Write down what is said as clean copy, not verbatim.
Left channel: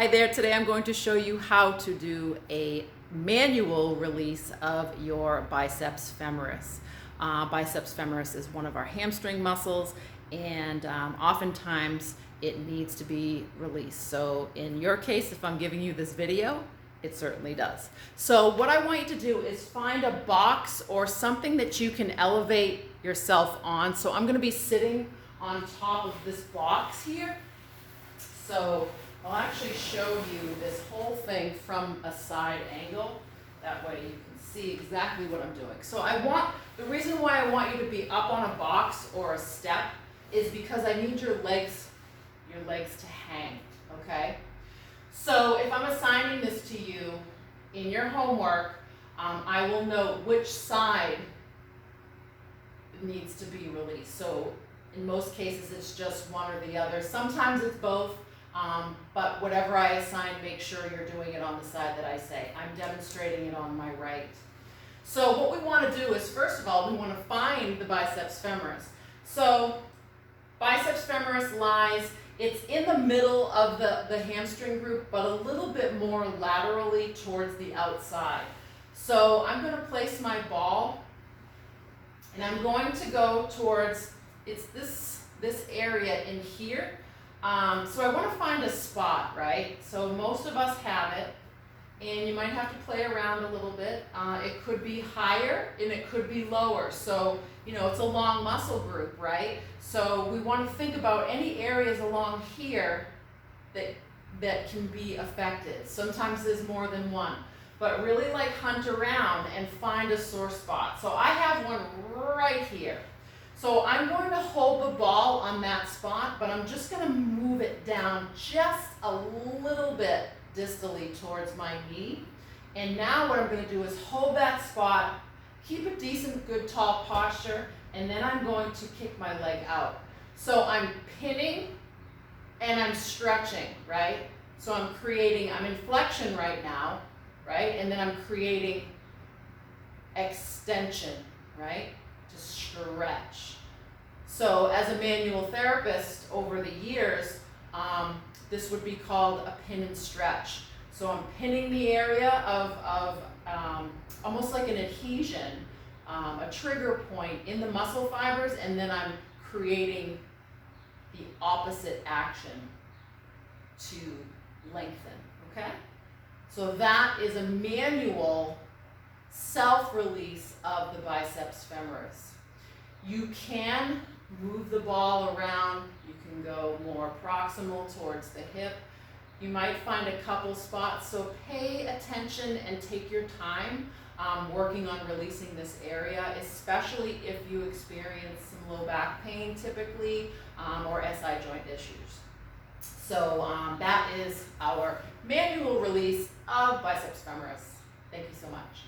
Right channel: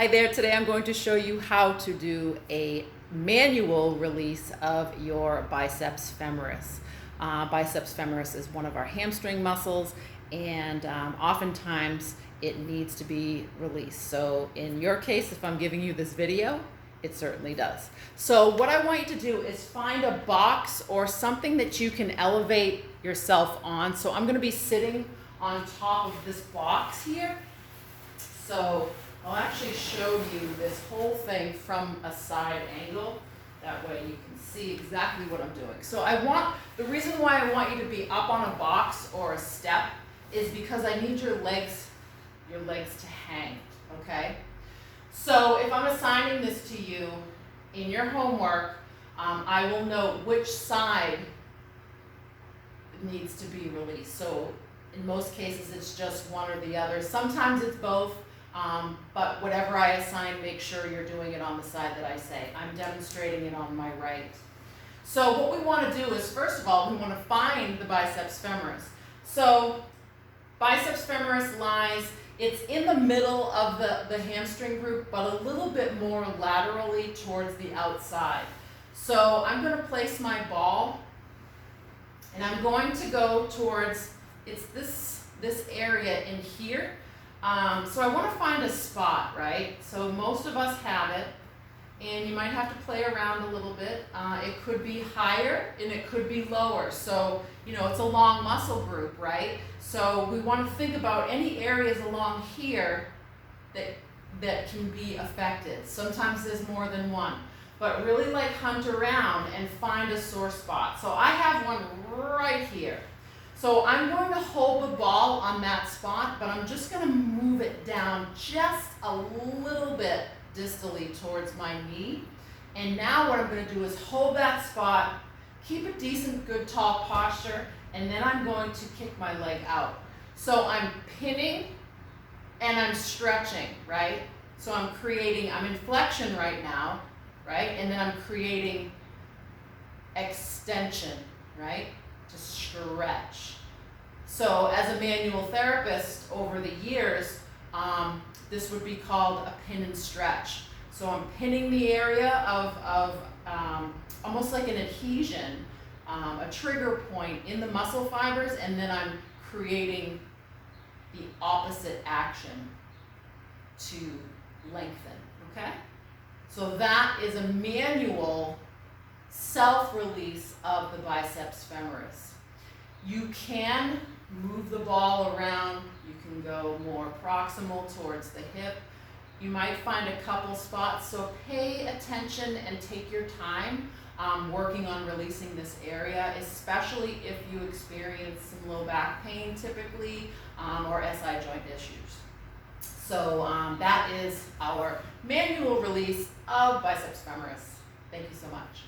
Hi there, today I'm going to show you how to do a manual release of your biceps femoris. Biceps femoris is one of our hamstring muscles, and oftentimes it needs to be released. So in your case, if I'm giving you this video, it certainly does. So what I want you to do is find a box or something that you can elevate yourself on. So I'm going to be sitting on top of this box here. So I'll actually show you this whole thing from a side angle. That way you can see exactly what I'm doing. So the reason why I want you to be up on a box or a step is because I need your legs to hang, okay? So if I'm assigning this to you in your homework, I will note which side needs to be released. So in most cases, it's just one or the other. Sometimes it's both. But whatever I assign, make sure you're doing it on the side that I say. I'm demonstrating it on my right. So what we want to do is, first of all, we want to find the biceps femoris. So biceps femoris lies, it's in the middle of the hamstring group, but a little bit more laterally towards the outside. So I'm going to place my ball, and I'm going to go towards, it's this area in here. So I want to find a spot, right? So most of us have it, and you might have to play around a little bit. It could be higher and it could be lower. So, it's a long muscle group, right? So we want to think about any areas along here that can be affected. Sometimes there's more than one, but really hunt around and find a sore spot. So I have one right here. So I'm going to hold the ball on that spot, but I'm just going to move it down just a little bit distally towards my knee. And now what I'm going to do is hold that spot, keep a decent, good, tall posture, and then I'm going to kick my leg out. So I'm pinning and I'm stretching, right? So I'm in flexion right now, right? And then I'm creating extension, right? To stretch. So as a manual therapist over the years, this would be called a pin and stretch. So I'm pinning the area of almost like an adhesion, a trigger point in the muscle fibers, and then I'm creating the opposite action to lengthen, okay? So that is a manual self-release of the biceps femoris. You can move the ball around. You can go more proximal towards the hip. You might find a couple spots, so pay attention and take your time working on releasing this area, especially if you experience some low back pain typically or SI joint issues. So that is our manual release of biceps femoris. Thank you so much.